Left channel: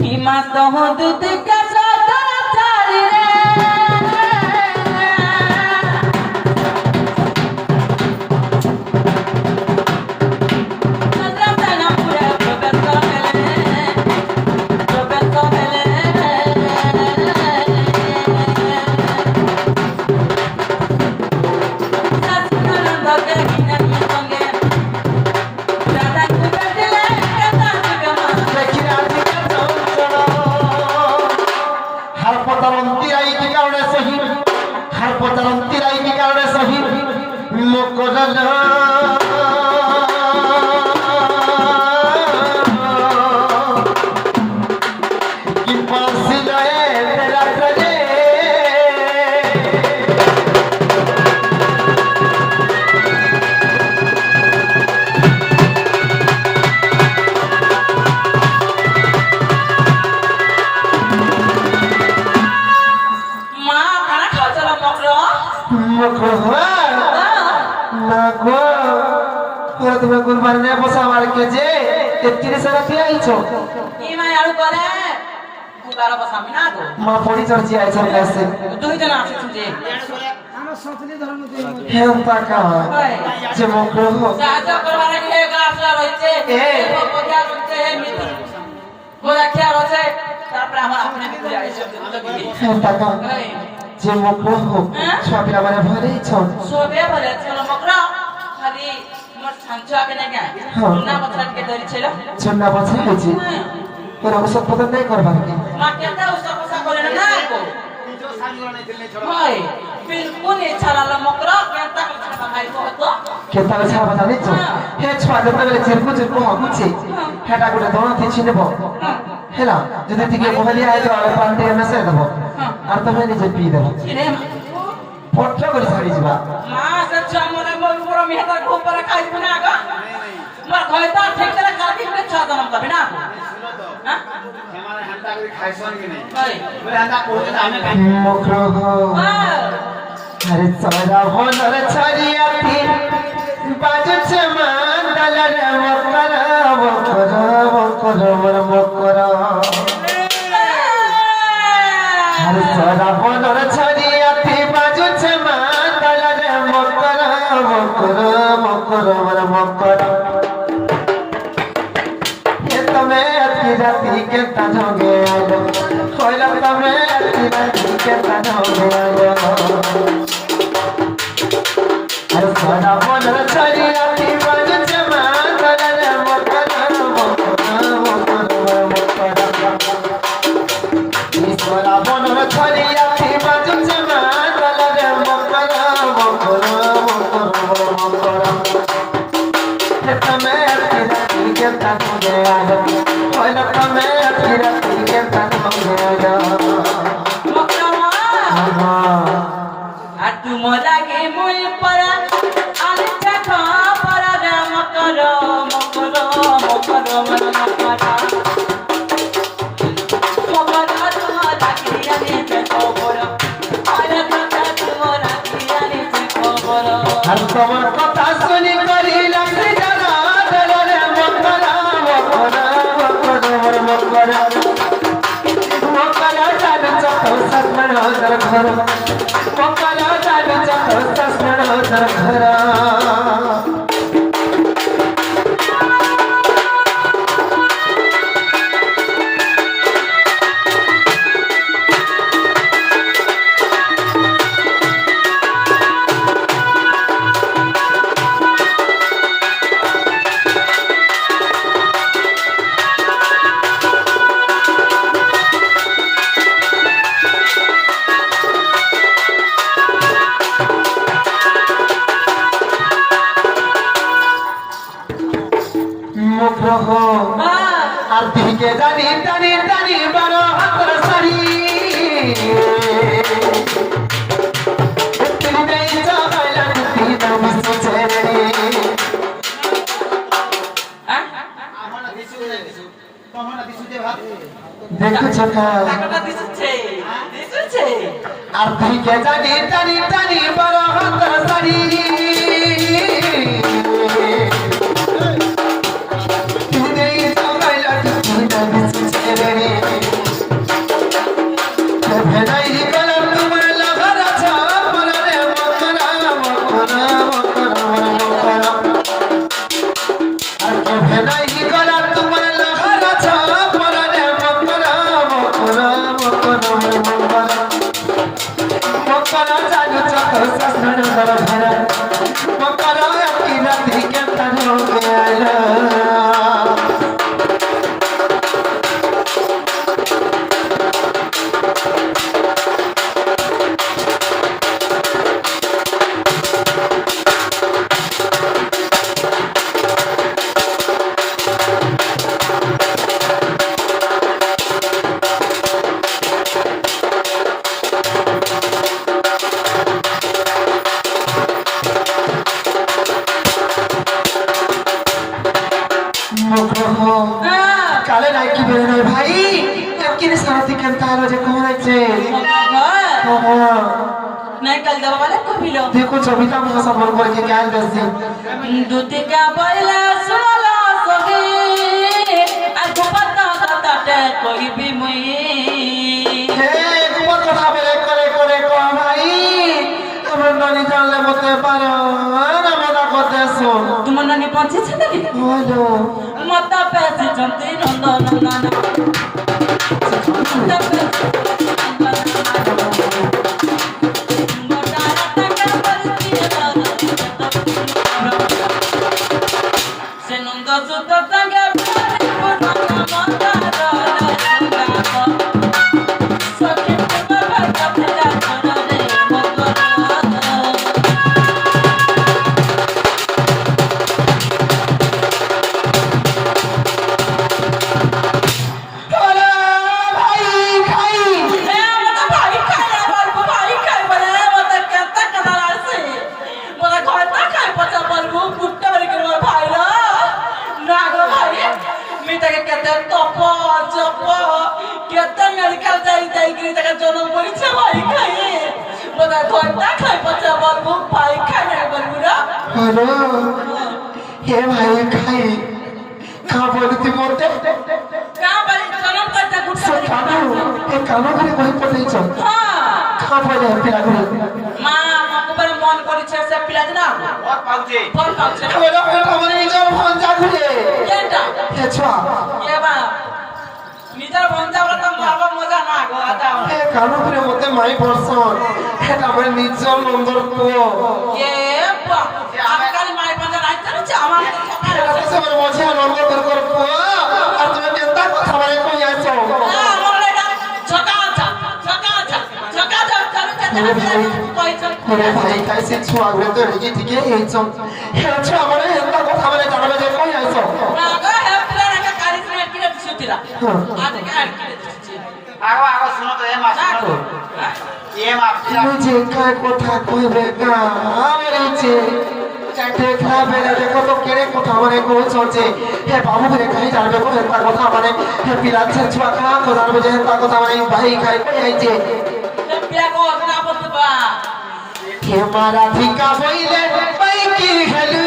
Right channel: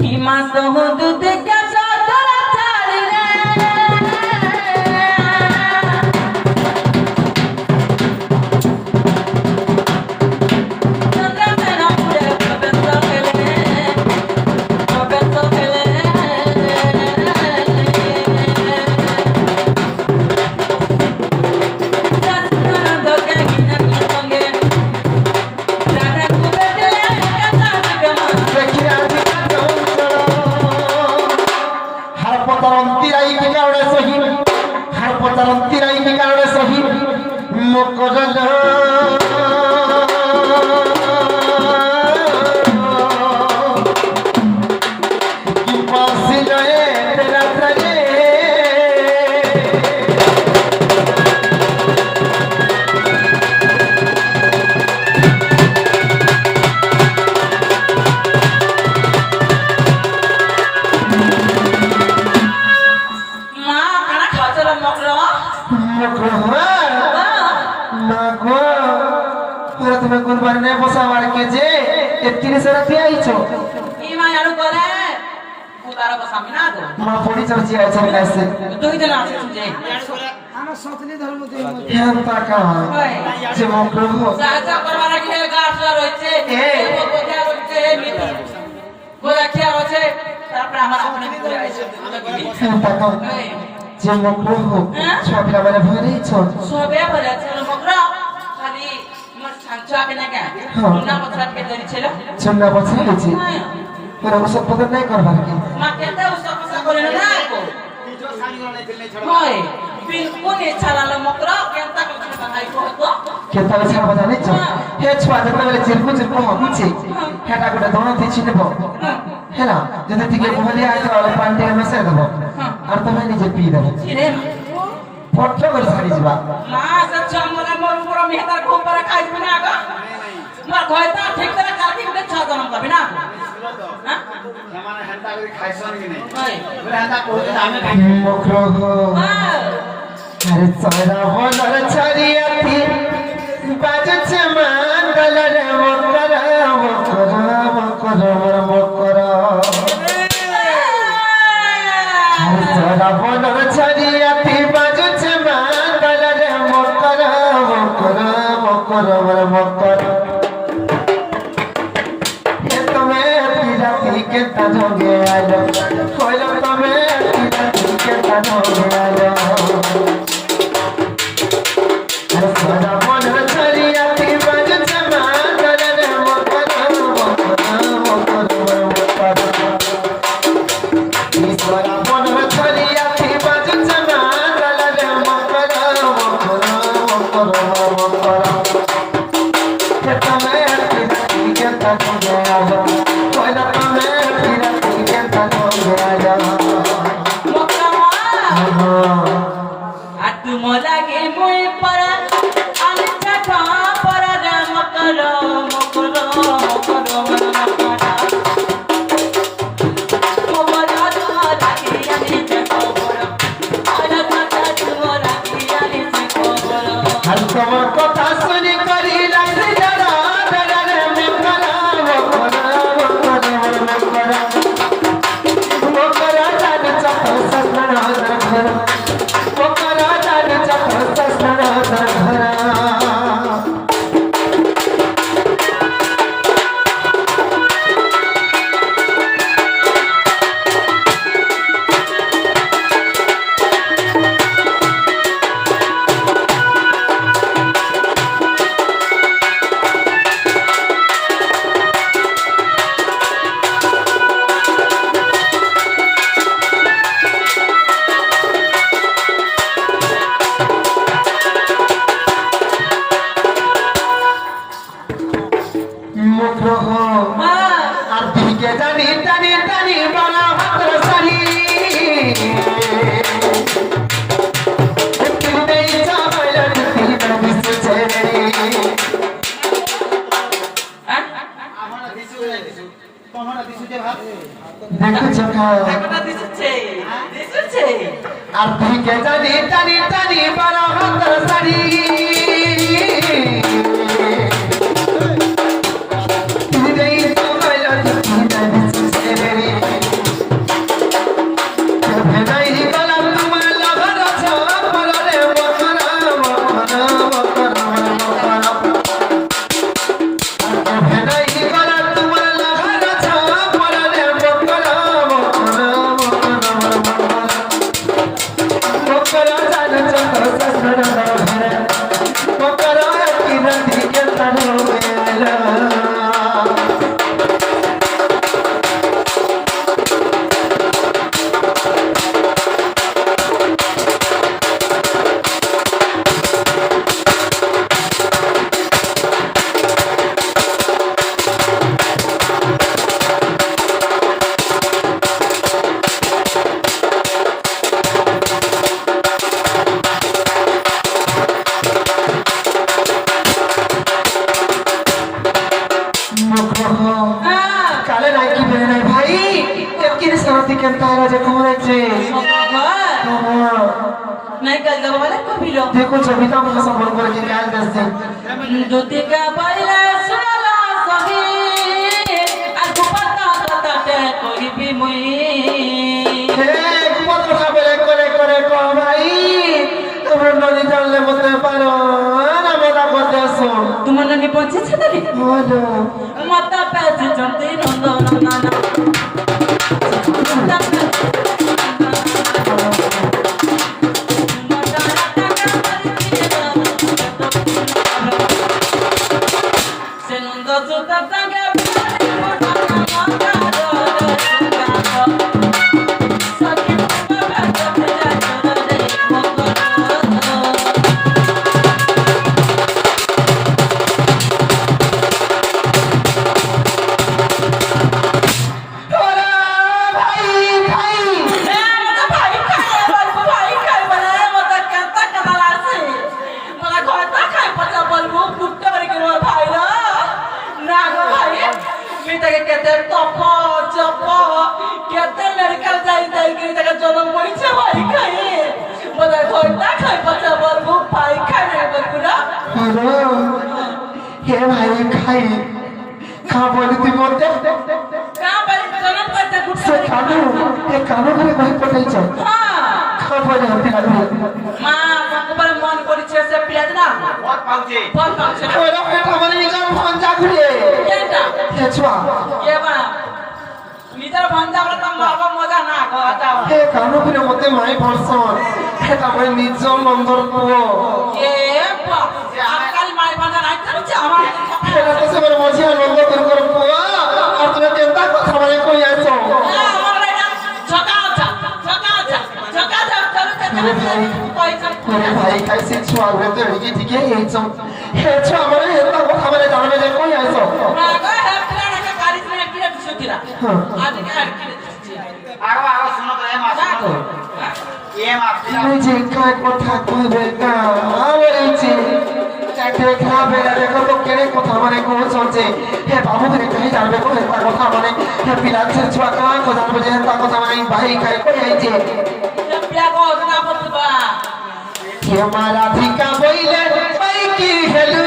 हिम्मत हो दूध का सातरा चारी তুমি কোন বারে বসা আমার কে যে 31 রাতে আইছো ई माय आलू करे बुगारा बसामी ना तो মা পড়ি চর্চি আইছো কাছে তুই তো না আছিস যে আমার সতলি ধর্ম তুই হেন টাকা যে মগ্র সাহায্য করবার কি হে গাছলা রইছে কোকিয়া রইছে নীতি গোলাখিয়া রইছে তারপরে আমার আপনি ঘুরে আইছে হেন টাকা যে মগ্র ছবি আবার ভরেছ সবে বলেছে মগ্র খালি মোর সাঞ্চ আগে না কেন না মছাট কে ধরিছিল চন্না বসে হয়েছে তোর ওসব পতা নাই করবার কি মা কেনটা উসা পসা করে না কো जो सानी वाला नहीं खेलने छोड़ হয় বিলকুল ইচ্ছা না মগ্র কেনটা কথা ভাই কত কে তাহলে ছাড়া জানিছ হে ছয় দেখলে বলে চিরকু চিরকু হগুছে হেটা গোটে দোনো দিছি নেব হেলা যদি থেকে বহলি আয় তো পান্ডে মেসে দেব আর তুমি নিজে পি দেব রে পট্ট করে ছাড়ি যাবা মা সচ্চ মোরা মোর মোর মেহতার খুব করে খাইবি না গো মোর ঘয়তা ঠিক করে কাটি কে ছাদন করবে না सुनो तो হ্যাঁ हमारा हंता कभी खाइसन की नहीं হয় बोले हंता पहुंचे तो हमें खाई মগ্র আরে সরা বলর ছড়িয়াতি বাজছে মন্দল রে মকর মকর মকর মকর আরে সরা বলর ছড়িয়াতি বাজছে মন্দল রে মকর মকর মকর মকর ये तमे अति राती के तजोगे आलो कोइला तमे अति राती के तजोगे आलो अरे सदा बोल छरी अति बज जमा कर रे मकर मकर ईश्वरा बोल छरी अति बज जमा कर रे मकर मकर ये तमे अति राती के तजोगे आलो कोइला तमे अति राती के तजोगे आलो আটু মজাগে মই পরা আলিটা কা পরা রাম কর মকর মকর মকর মকর লাগিয়া নি খবর আলা কাটা তোরা লাগিয়া নি খবর हर कमर कथा सुनी करी लग जरा दलरे मकरा मकरा मकरा मकरा जान चख सस्मन दर घर मकरा जान चख सस्मन दर घर मग्र हो আর দিকে জানি টানি টানি বড় হাতর সারি তুই দেই চাইলা তুই না মিছে ছেড়ে হ্যাঁ हमारा दिसु है दिसु तो हमारा दिसु जे भात দেখছ কা একটা দিছে দিছে আর দিকে জানি টানি টানি বড় হাতর সারি তুই দেই চাইলা তুই না মিছে ছেড়ে সাথে কেমন হলো যে ঘুরেছে নাই কাল যাবো বলে কবিল দেখো ছবিটা আমার সম্মান করে কি গান দিচ্ছে দুতিকা বইলে শোনালা সহি আর গোপাতা দাদাতে কইবি মুই হে কত কথা বলে করে করে কো ভাই তুমি ননি জানলে বলতে পারো না মেরা কথা শুন তোমার নানি পৌঁছেছে দাদি বলো মাতা পেছে জন্তি নন্দন নানা জনম পরিচয় ভাই খাই বোধহয় ঘরটা খাই পচা বলবো ভাই খাই না বলবো না হ্যালো হে ভাই খাই খাবো দিতে বলতে না ভাই জনম পরিচয় সে কানু এ কানু করে কই পড়াইছ খাবো না পিলাগুলো মা মকবরে মন করেছে সে পিলাজ না बहुत पाउचे ফল পাচ্ছে না ওরা এটা মানে নিজের ফোন জাগুলে কেনটা হে ছোয়া এ বা নিজের ভঞ্জা তো মারবা মজা না গো যাও হে কানু করে মতে মাই পড়ছন এটা মানে নিজের নন্দর পুও এ বা আজকাল মাই ভঞ্জা নাই করছে আমার এটা তো সে বড় মজি নন্দর বের করে পুও আর তুমি কেনটা কথা বলে কই আছো ওরে ভাই খাইছে ছোয়া গুলো তো রেগে ঠিকই এইছো হে ছোয়া বলে এটা কথা বলে জানাবে যে কই আইছো आगो आगो सुनो तो ये माफिया मुझे काय কথা কইবে না বলেছে দেখলা বেলা দেখো তো কেড়ে কথা মানে কইছছে হে বাবু রে খাই যাবে কো এটা কথা মানে হে পিলাচ্ছে ছোয়া কা কথা বলে যে এটা কথা মানে ভাই খাই কই আইছে হে মারা ধিকা বইলে ভাই কি হেলু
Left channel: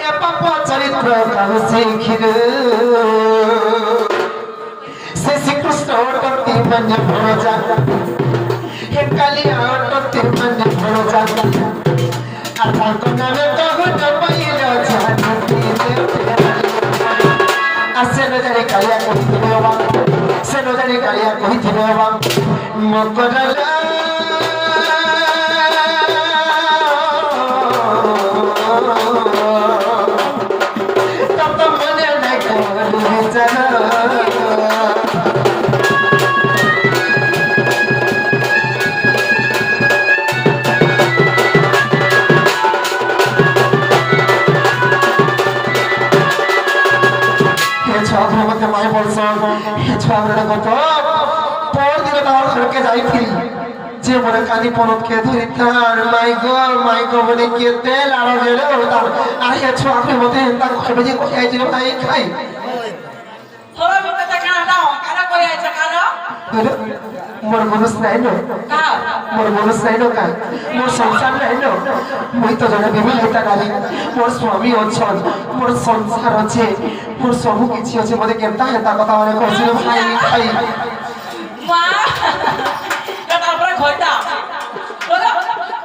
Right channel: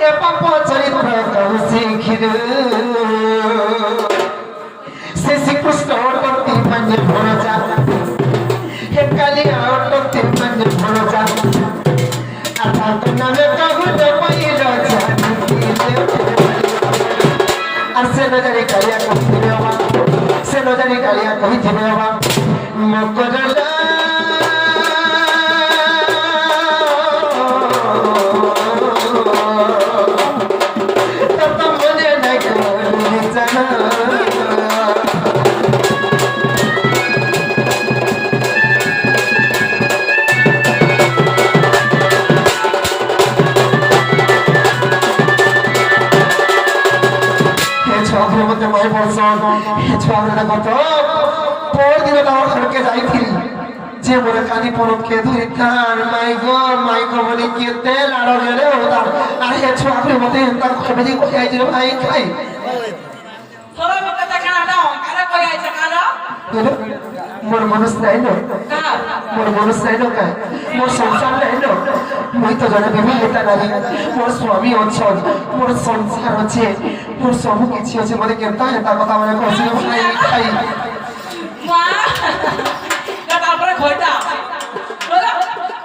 এ পাপ চরিত্র কাল শিখিরু শ্রীকৃষ্ণ অটতি পঞ্জ ভরজা হে কালিয়া অটতি পঞ্জ ভরজা আতার নামে কহুত পাইল জানতি আসে নজরে কালিয়া কহিবে বাবা সে নজরে কালিয়া কহিবে বাবা মকরলা তত মনে নাই কোন বিচার যে মনে কানি পরকে ধরিতার মাই গো বলে কে তেল আর গেলে হতাম আর হে ছোয়াকে মতে তার খাবে যে কোথায় আইছিল ভাই খাই মোর মনুষ নাই ন মোর মনুষ নাই ন কাই মোর সংসার নাই ন মুই তো জনে বিবাহিতা নারী মোর স্বামী অছন মোর সংসার আছে মোর সবু কিছু আছে মতে কেমতা হেতা কথা মানে কইছিল ভাই খাই ঘয়টা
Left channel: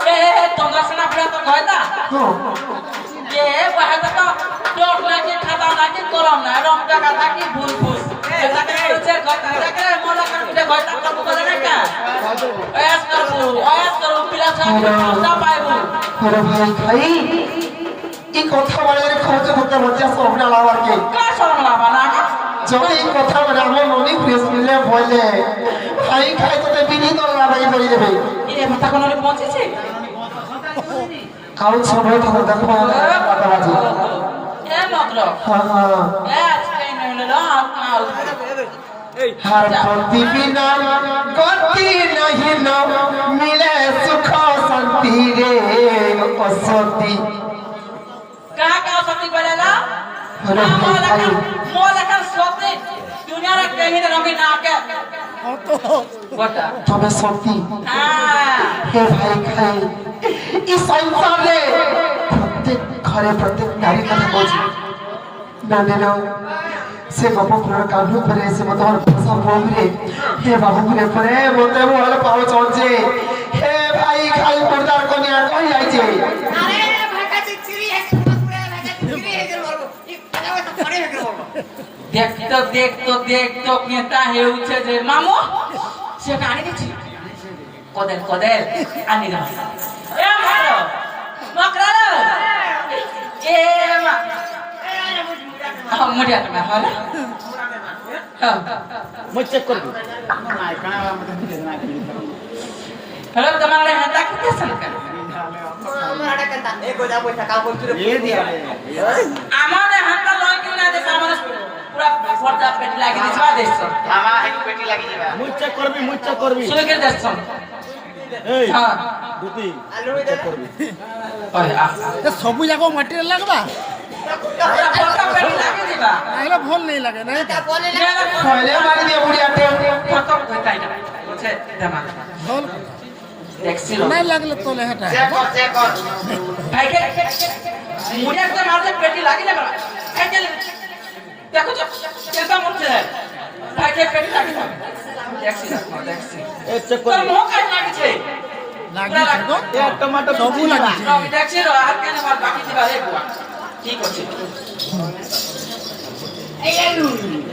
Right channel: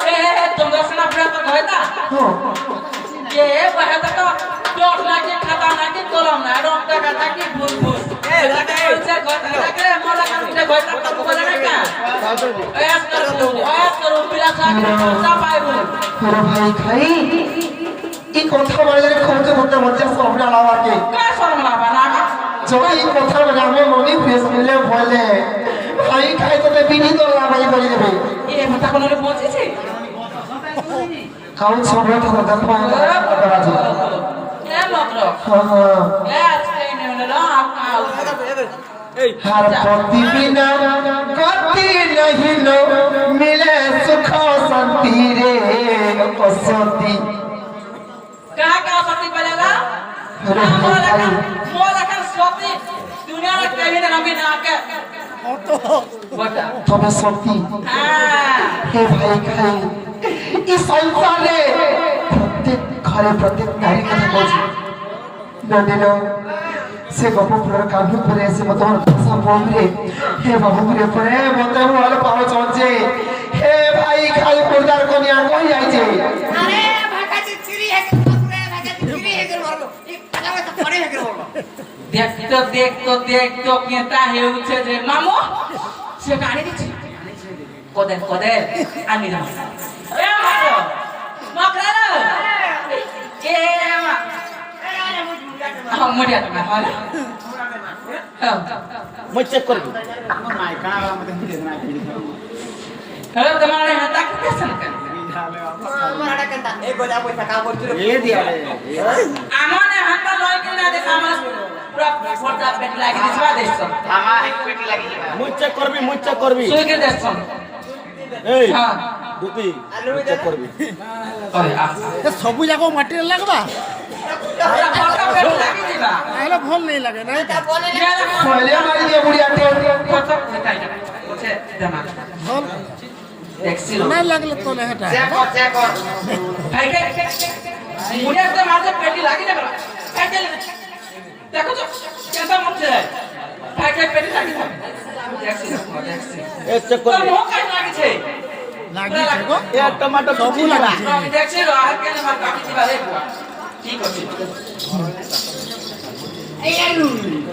এ তোমরা শোনা আপনার তো ঘয়টা এ বহাটা তো টক লাগে খাতা লাগে গরম না রং টাকা থাকে ভুল ভুল এটাকে বলছে ঘয়টা লাগে মোরা কাছে ঘয়টা তো বলে না কা ওয়াস করো পিলা ছাড়া সব পাইবো তোরা ভাই খাই এই কথা বলে খরচ করতে মজা সামনে আলাওয়াকে কা শরম লাগবা না যখন এই কথা বলে আমার মনে ফ্রেশ মিলে বলে ভাই খাই তো বিভিন্ন লাভাই বলে দেবে এ মাথা কোন পৌঁছেছে কাউ সময় থাকা দেখো আছে এ মাত্র হ্যাঁ এ আজকে নেন না আপনার हर पति बिना गति नहीं नो मिले सुख शांति रे असती क्या क्या सत्य बोलेगा अरे मोला का सत्य दुनिया কেমনে রঙে না কে অতো বটা তবে সত্যি হ্যাঁ হে ভাই খাই এই সংসারে প্রত্যেক ঘরে প্রত্যেক নারী কথা বলছি জানিল সে বাপুপুরের কাব্য করে এসে মতো আমার ভাষা বললে হে বাপুপুরে পরে মতে বলে পাওয়া চলছে হে ভাই খাই পর্দার কোনে আগে যাইছে আরে ভাগাচি চিড়ি হেগে পুরে ভাগাচি চিড়ি হেগে বলো এই পাজামা তো পরে হেগে বলো দেখতো কেটা হেউছে যে মামু সে কানে দিছি কদের আনি না এ মারো মকরা এ মা এ আরে মুড়া মুড়িয়া না হলে মই চেক করবি আমার নাই কানা আমাদের নিজে নাই হ্যালো তোমার না হাতা কিতেছেন কেন আমার হাটা কেনতা এ গোজা পয়সা কাম করছিস এ দিয়া আমার হাতা লয় কিনা দেখো আমার পুরা ফর্দা পেট লাগি দিছ বা দেখছ আমার এক পেটি লাগি যাবা মই চেক করবি সুলকে দেখছ এই হ্যাঁ দুতি আলু দে না আরে আ এ সবু জায়গা মাটির লাগবা ফর্দা পেট লাগি দিবা তাহলে ভাল নেই লাগে না এটা বলে না কইলে মারি দিয়ে বুড়িয়াকে কত কইতাই না বুঝছে দেমা ভাল দেখছিল না লাগলে তো না হেটা চেক কর ভাই কে মুড়িয়া তে মাঝে পেটি লাগি না খাইতে দেখো তো কেনটা মরছে ভাই কে পেটি লাগি না দেখছিল এ চেক তোর করবি মুখ কাই লাগিছে লাগিছে গো এ টমেটো সবু লাগিছে আমি দেখছি আর কেন মার বাকি দিবা রে বুয়া ঠিক আছে এই আলু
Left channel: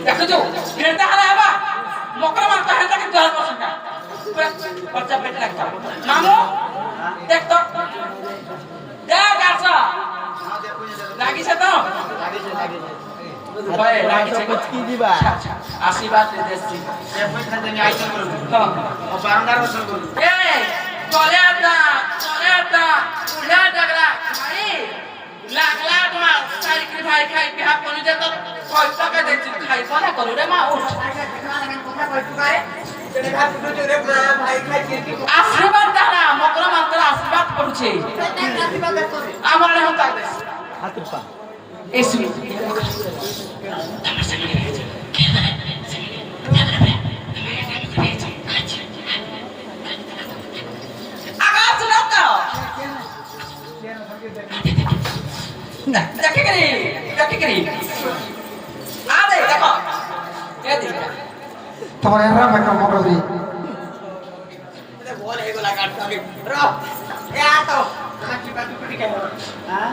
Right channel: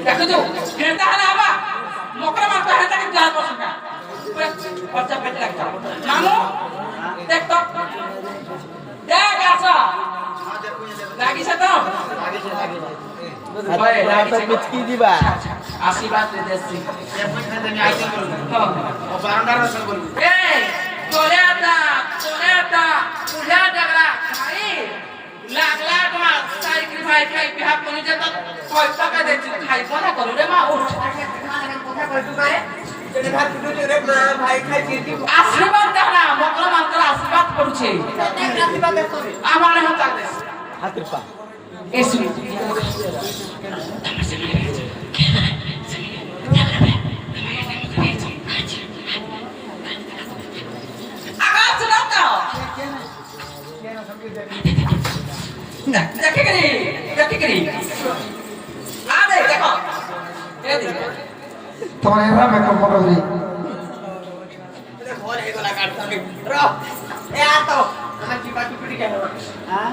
দেখো তো কেনটা হারা আবা মকরা মার পাহে তাকে দুয়ার পছন্দ বাচ্চা পেটে লাগছে মামু দেখ তো দেখ আসা লাগিছে তো ভাই লাগিছে কুচকি দিবা আশীর্বাদ দে দেছি এ পয়সা দেনি আইসল করব হ্যাঁ ও বারান্দার রসল করব এই তোলেটা উলা ডাগলা ভাই লাগলা তোমার সাইকেল ভাই খাই বিহা কোনি দে তো কয় টাকা দেছি খাই কোনা করু রে মা উঠ কথা কই তুই করে তোরে ভাত ফুটো তোরে মা ভাই খাই চিড়ি আশীর্বাদ দানা মকর মাত্র আশীর্বাদ করছে প্রত্যেক রাতে বাগে করে আমার হতা হাতের পা এসু আগাছ না তো দেখে গেলি আরে দেখো এদিকে তোমার এরা মেকআপ করবি বল এগুলা কাট আমি র এ আ তো আমার কি বাত টুকরি কে হ্যাঁ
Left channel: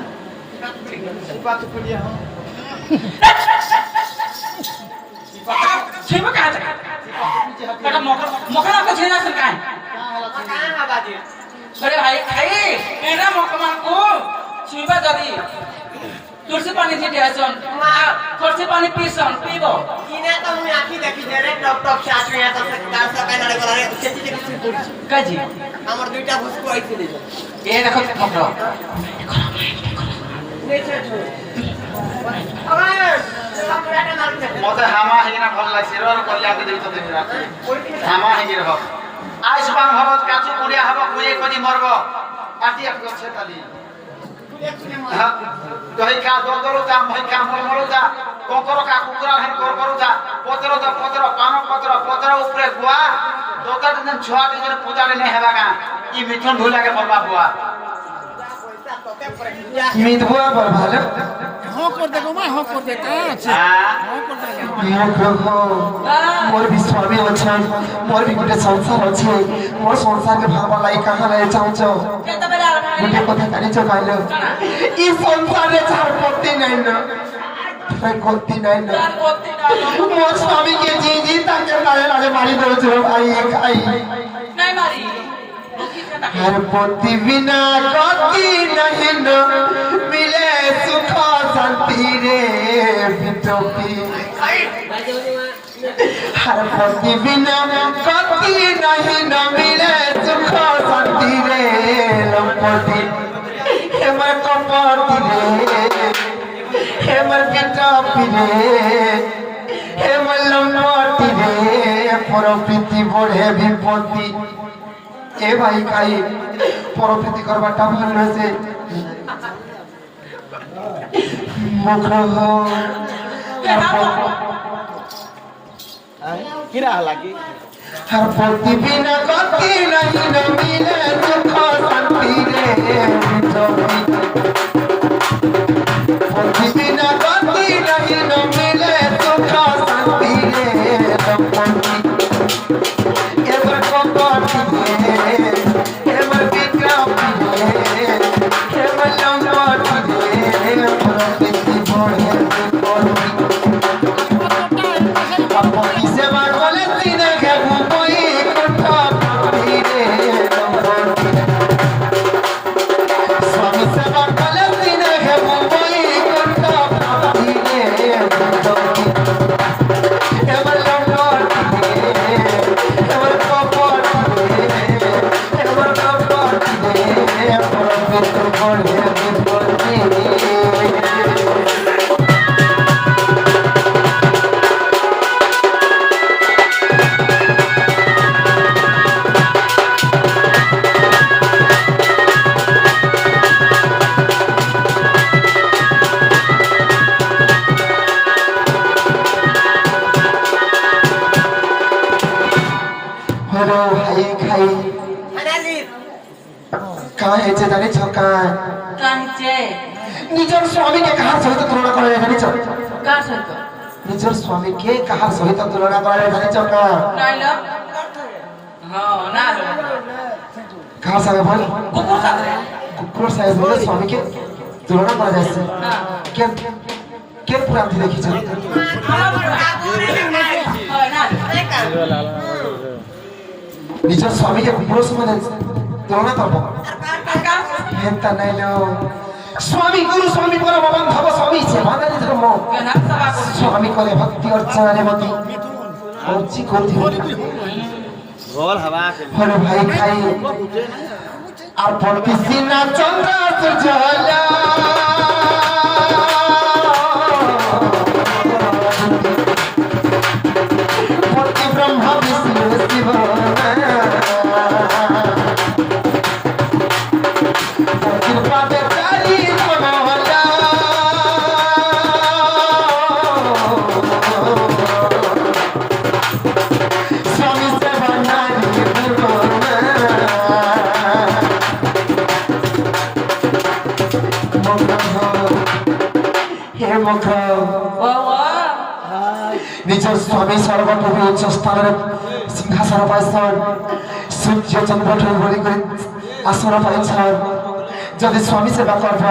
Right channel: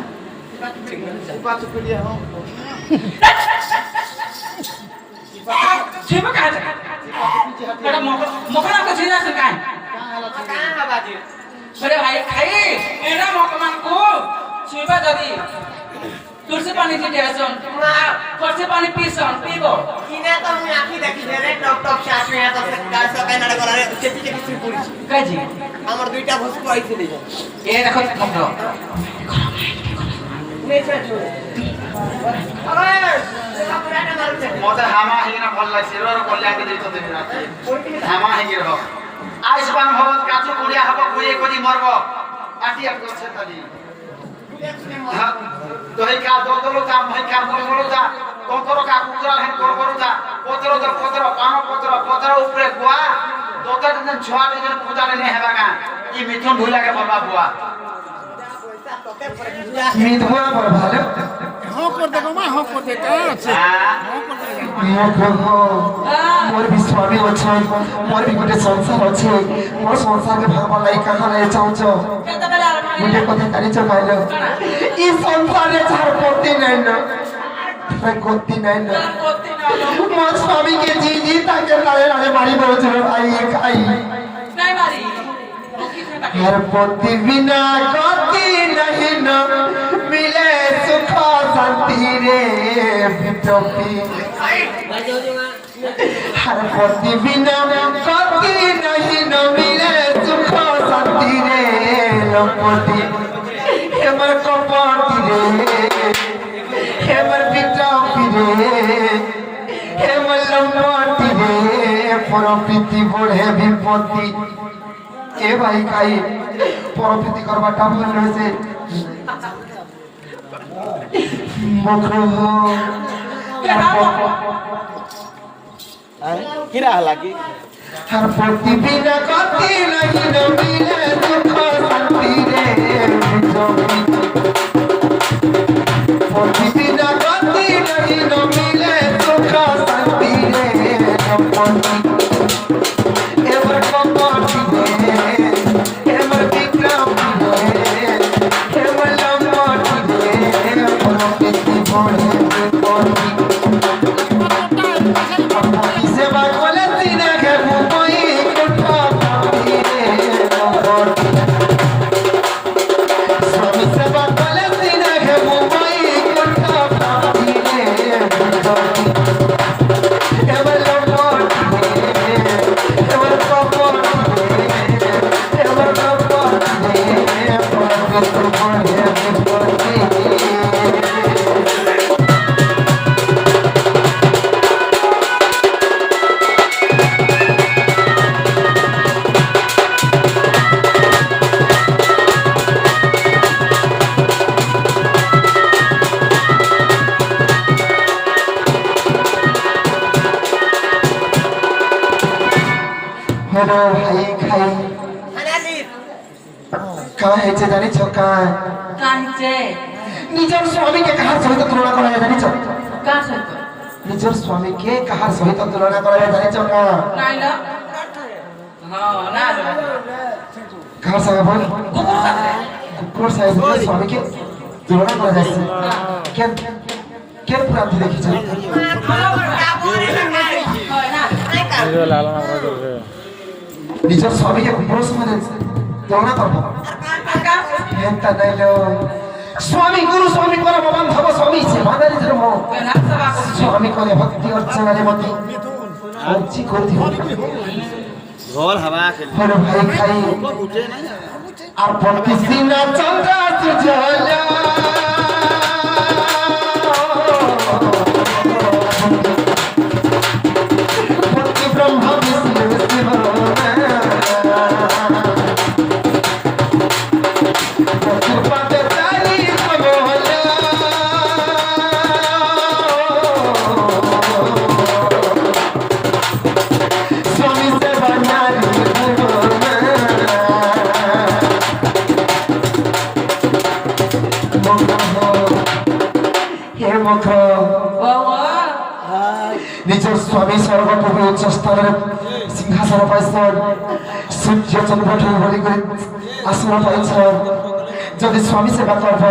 কি বাত টুকরি কে বাত করিয়া হ छिपा कहाँ था? बड़ा मकरा को छीना से कहाँ? कहां है बाजी अरे भाई खाई एना मकमान को छिपा दादी तुलसी पानी जी दिया तुलसी पानी पीबो किने तो हम आखी देखी रे टप टप साथ में तो कार सा काई नाडा गला रे सेति सेति सुई पड़ी काजी আমার দুইটা ভস্কু আইছিল ये देखो मकरो নেচে ছোড়ে আবার বাপুরাটা মারছে মতে হামা হেগিনা ভাল লাগছে রো কল্যাণ কে দিত দেখি রাখি হামা হেগির হ আইসবান ভবত কাচু কুড়িয়া হব কুড়িয়ে কদি মরব পাটি এক করছে তালি দহি কা দলদল দা মহি কা মহি মরু দা কোকর কা কুকুরা হেন কর করু দা পত্র পান পত্র উপরে গুয়া দোতা দিন ছুয়া দিন পূজা দিন হেলা গা ই মিথুন ভুলাকে বলবা বুয়া পয়সা তোতে পরে যা মিধুয়া ভালো হ্যাঁ কর দেখো মা হ্যাঁ কর দে কা আছে হ্যাঁ কর দে মোর বি স্বামী আছে মোর বি গোটে সংসার আছে মোর সংসারকে ভাবা লাই কাহা নাই চাউছ कितना बड़ा भाई গোটে কথা কারিছ পাইল ই সংসারে ছাড় করতে নাই না করতে নাই না মোর স্বামীকে জি তাকে রায়ে রায়ে মারি বলছ ভাই খাই नहीं मारी हर पति बिना गति नहीं न मिले सुख शांति रे बिटोपी हर पति बिना गति नहीं न मिले सुख शांति रे लंपति हेमर कपति रे हेमर बिटोपी रे हेमर लंपति रे परपीति बढ़े विपत्ति ए भाई खाई परपीति करवाटा भल से मुख কিরা লাগি আর প্রতিবিনা গতি নাই নমিলে দুঃখ শান্তি রে জমি প্রতিবিনা গতি নাই নমিলে দুঃখ শান্তি রে জমি এবার কত রে এবার বিক্রম রে এবার লম্বট রে প্রতি ভরে সেবা বলে দিনে ঘেবু বই কৃপা ভক্তি রে স্বামী সেবা বলে দিনে ঘেবু বই কৃপা ভক্তি রে এবার লম্বট রে এবার কপট রে এবার কপট রে প্রতি ভরে হলো ভাই খাই হানালি কাহা হয়েছে জানিছ কাহা কাঁদছে নিজের স্বামীকে কাহার সহিত তুলনা করে জানিছ কার সহিত নিজের স্বামীকে কাহার সহিত তুলনা করে জানিছ কাহা নাইলা হ্যাঁ না রে কাহার সঙ্গে বল কুকুর সাথে কুকুর সাহেব স্বামীকে তুলনা করা যাচ্ছে হ্যাঁ কেন কেন পুরান্তি দেখিছ হয় না নিজের স্বামীকে কুকুরের সঙ্গে তুলনা করবো হেনতা নাইলো স্বামী গুরু স্বামী পরম বান্ধব স্বামী সেবাদারি ধর্ম কেন সভা করছিস স্বামী কলে ভক্তি অর্চনারে মতি অর্চি করতে রোল হাওয়া আছে হলো ভাই খাই আর ভক্তি সিনা চন্দ্র সুজলা ভক্তি ব্রহ্ম বিষ্ণু শিব ভক্তি পাদে চারি কমলা স্বামী সেবা নারী হে মুখ বাবা নিজের স্বামী সর্বপ্রভু উচ্চ স্তরের সিংহাসন পাইছেন সূর্য চন্দ্রকে বলি করে আসন পাইছেন যদি স্বামী সেবা করব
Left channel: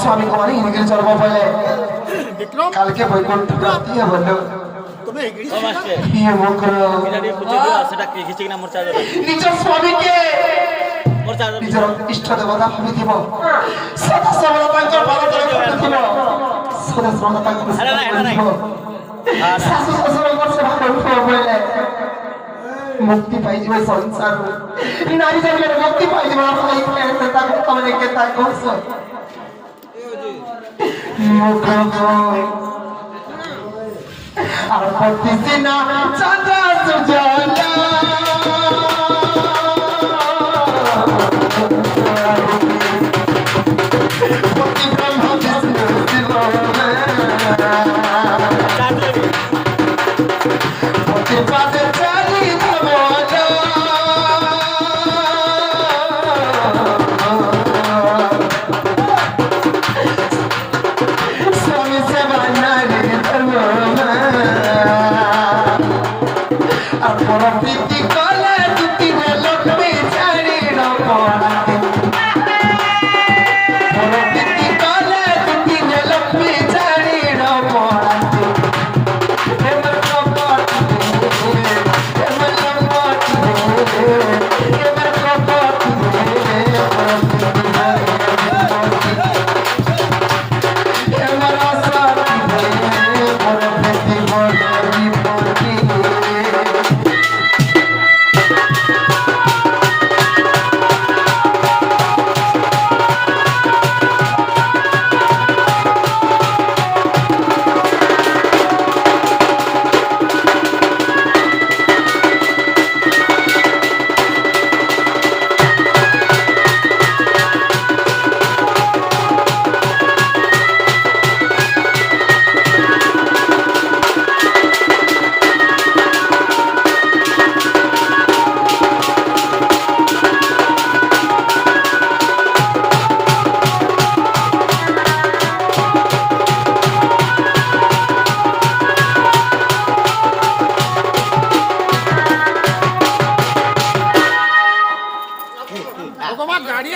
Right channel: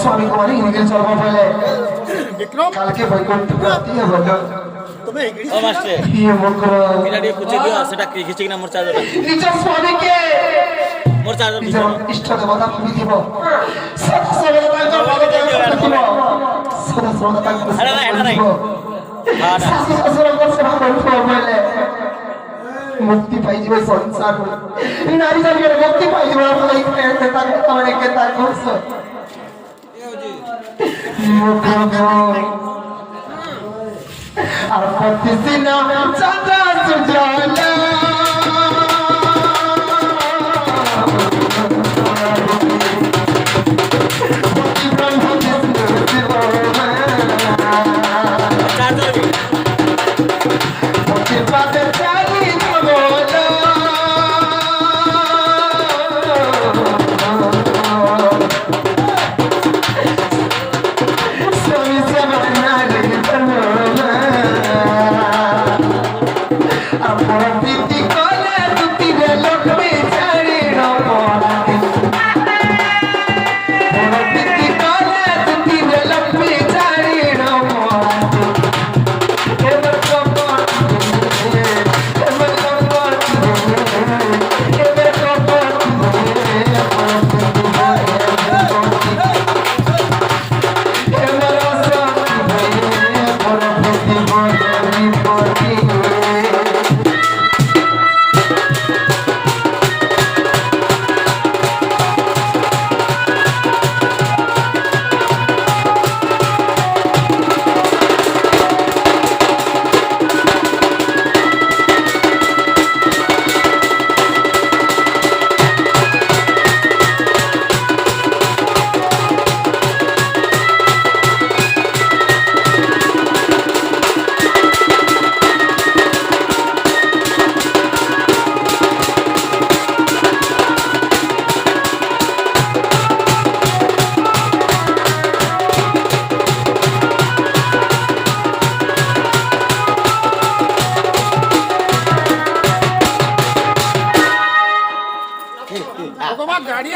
স্বামী কুমারী হিরিগিরি চলব বলে বিক্রম কালকে বৈকুণ্ঠ প্রাপ্তি হলো তুমি এগিয়ে ও মাস্টার হে মুখ এটা দিয়ে পুছে দিও সেটা কি ঘিচে কিনা মোর চার্জার নিজের স্বামীকে মোর চার্জার নিজের ইষ্ট দেবতা ভাবি দিব সদা সর্বদা তাঙ্কর ভারতে দিব সদা সর্বদা তাঙ্কর সেবা দিব শাশু শ্বশুরঙ্কর সেবা করব বলে মুক্তি পাইଯିବେ ସଂସାର ନାରୀ ଜାତିର ମୁକ୍ତି ପାଇଯିବ ଆପଣ ଏଇ ପ୍ରେମରେ ତାକୁ ତମେ କେତା କହୁଛ আর পতি সিনা চাঁদা সুজলা পতি ব্রহ্ম বিষ্ণু শিব চার্জার পতি পাদে চারি কমলা স্বামী সেবা নারী ধর্ম আর পরম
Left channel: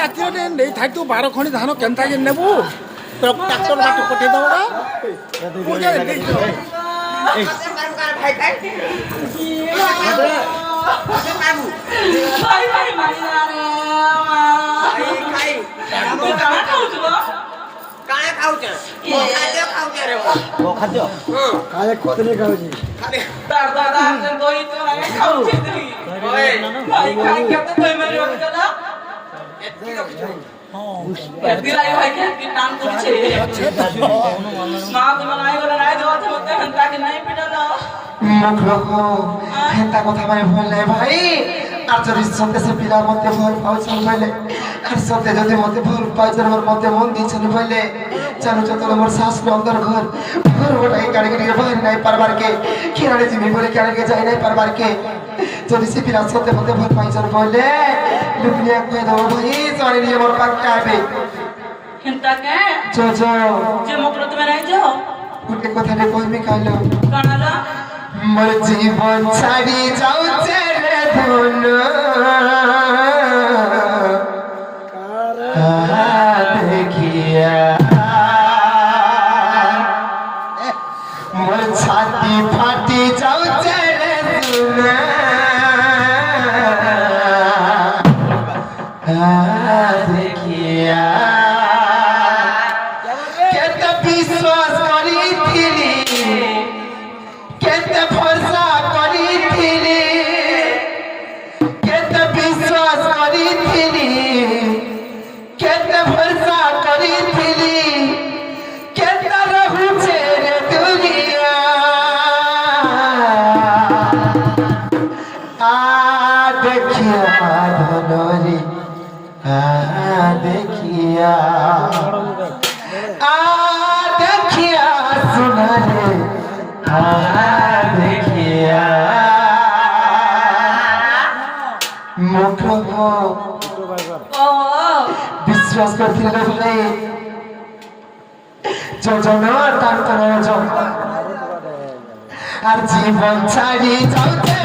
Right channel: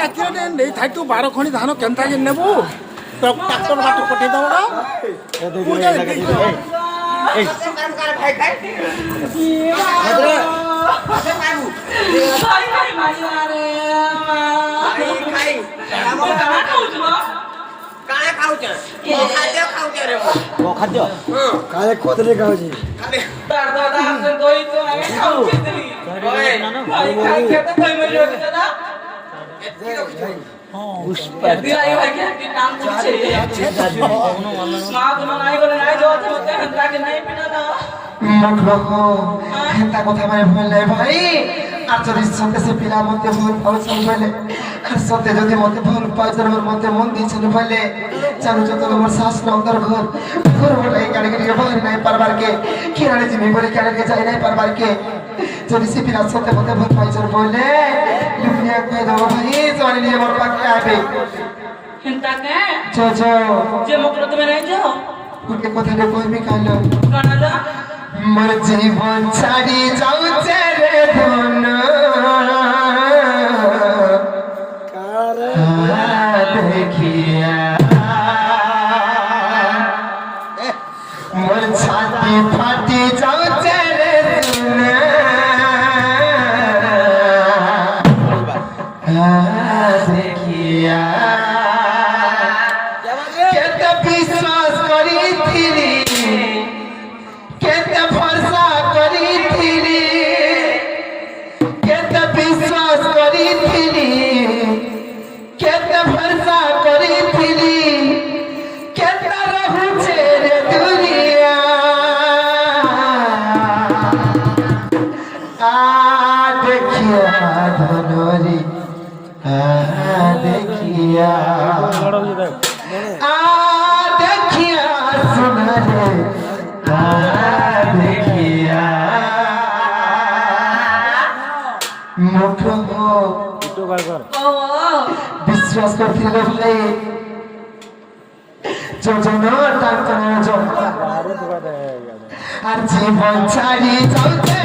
ରାତିରେ ନେଇ ଥାଇଛୁ 12 ଖଣି ଧାନ କେନ୍ତାକି ନେବୁ ଟ୍ରାକ୍ଟର ବାଟ ପଠେଇ ଦେବ ভাই ভাই খাই কানে খাউছ খাদ্য খাউছ রে ଖାଦ୍ୟ କାଳେ କଦରେ ଖାଉଛି তার দাদা আনতে দই তো আগে খাওছে দিলি ওই ভাই খাই খেতে দই মরি হবে দাদা এদি আই ভাই কি নাম করছে মা কোন নাই করে নাই যাওয়া তো তাকে নাই পিটা দাও মুখ রকম হেতা কথা মানে ভুল নাই ভাই আর যদি সন্ধ্যে সে পিলা মতে ভুল পাউছেন বলে আর সন্ধ্যে যদি মতে ভুল পাইছেন ওর মতে মন দিয়েছেন বলে জানো যত মোর শাস অন্তর ঘর ঘর ওটাই গাড়ি গাড়ি বাইরে নাই পারবার কে কিরানে জিমি বলে কিরানে যাই নাই পারবার কে যদি সে পিলা সন্ধ্যে মতে ভুল পাইছেন বলে দুনিয়া কই দাও ভাই জানি নিয়ে মোর পাক্কা আবে হিন্তা কে যে মকর তুমি নাই যাও উনকে কথা নে কইবে কালো কানালা মোর জীবন ছাড়ি যাউছে রে ধন দেখিয়া মোর ছাতি ফাটি যাউছে রে ধন দেখিয়া কেতে বিশ্বাস করিছিলি কেতে ভরসা করিছিলি কেতে বিশ্বাস করিছিলি কেতে ভরসা করিছিলি কেতে রহুছে রে দুনিয়া দেখিয়া ধনরি দেখিয়া দেখিয়া সুনারে দেখিয়া মুখ বিশ্বাস করছিল ভাই যোজন আর জীবন ছাড়ি যাচ্ছে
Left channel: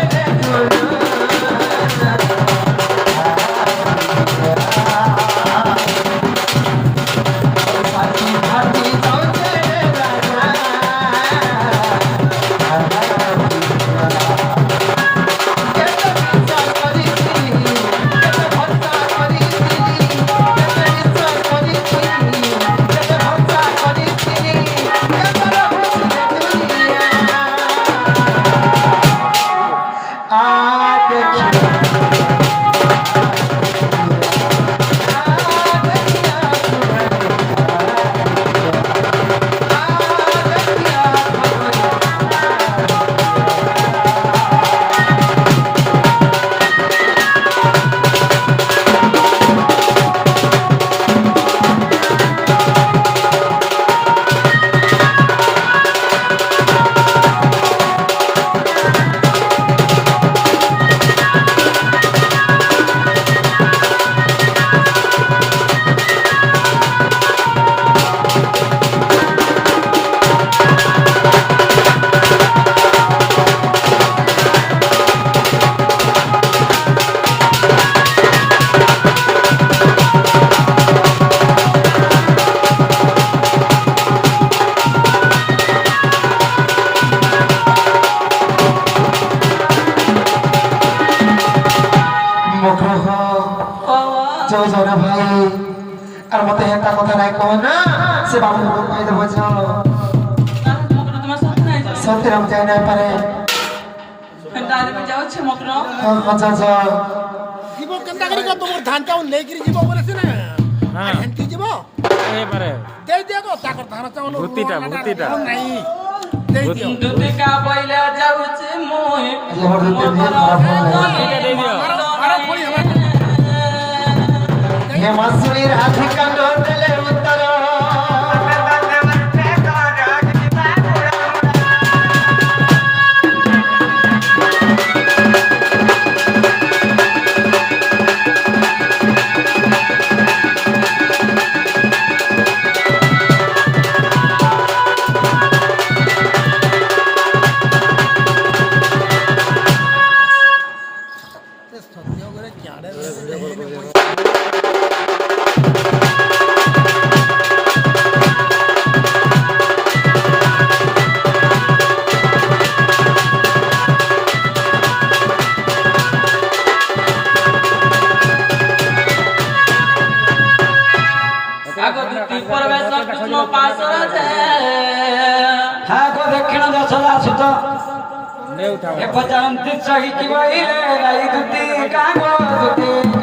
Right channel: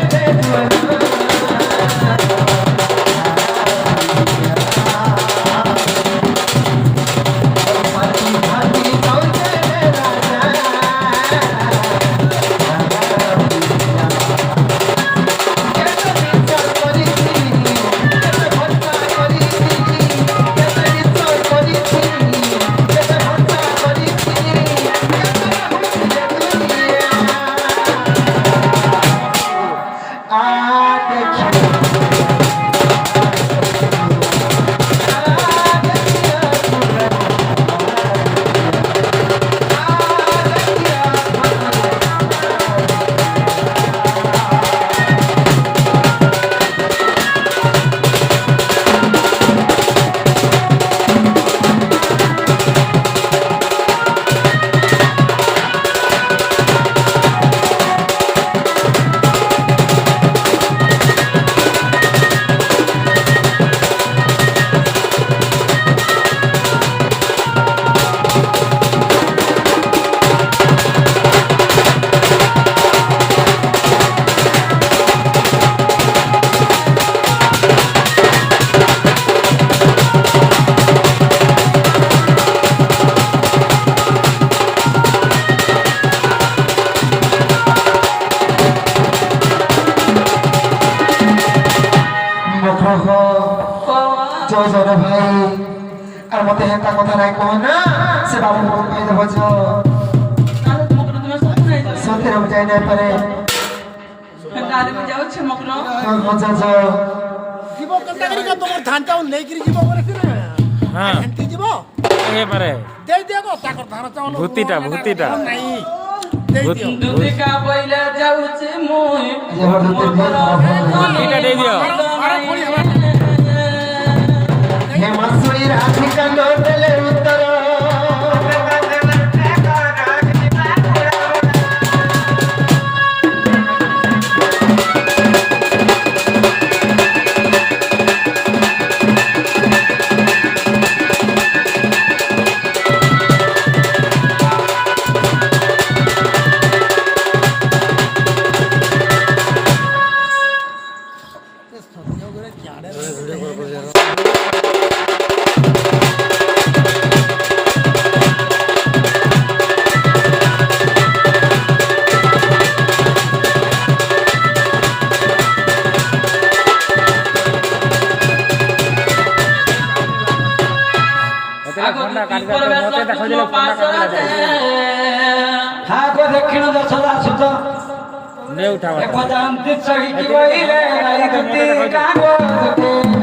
যোজন ভাই আর মতে হেতা কথা নাই কহ না সে বাবু কই দেব যে তাহলে মকর তোমার সাথে নাই যাও সত্যি বুঝাই না পারে তাহলে আমি যাচ্ছি মকর আচ্ছা আচ্ছা ଯିବ କେନ୍ତା କରି ତମର ଧାନ ଚାଉଳ ନେଇକିରି ଯିବ ବୋଲେ ସିନା ହେନ୍ତି ଯିବ ଦେଇଦିଅ ତ ତାଙ୍କର ଧାନ ଚାଉଳ ଭୂତିଟା ନାଇଁ ଦେଇଦିଅ ଦୁତିକା ବଇଲା ଯାଉଛି ମୁଇ আমার দিতে দিয়ে খারাপ হবে ବାର ଖଣି ହେବା হে মাসুই রাধিকা নোটলে উত্তর কৃষ্ণ পাশে হ্যাঁ গো দক্ষিণ দশরা আসুত নে উঠাও এক জানতি চহিকি বইলে রাই দুতি কাগো দুতি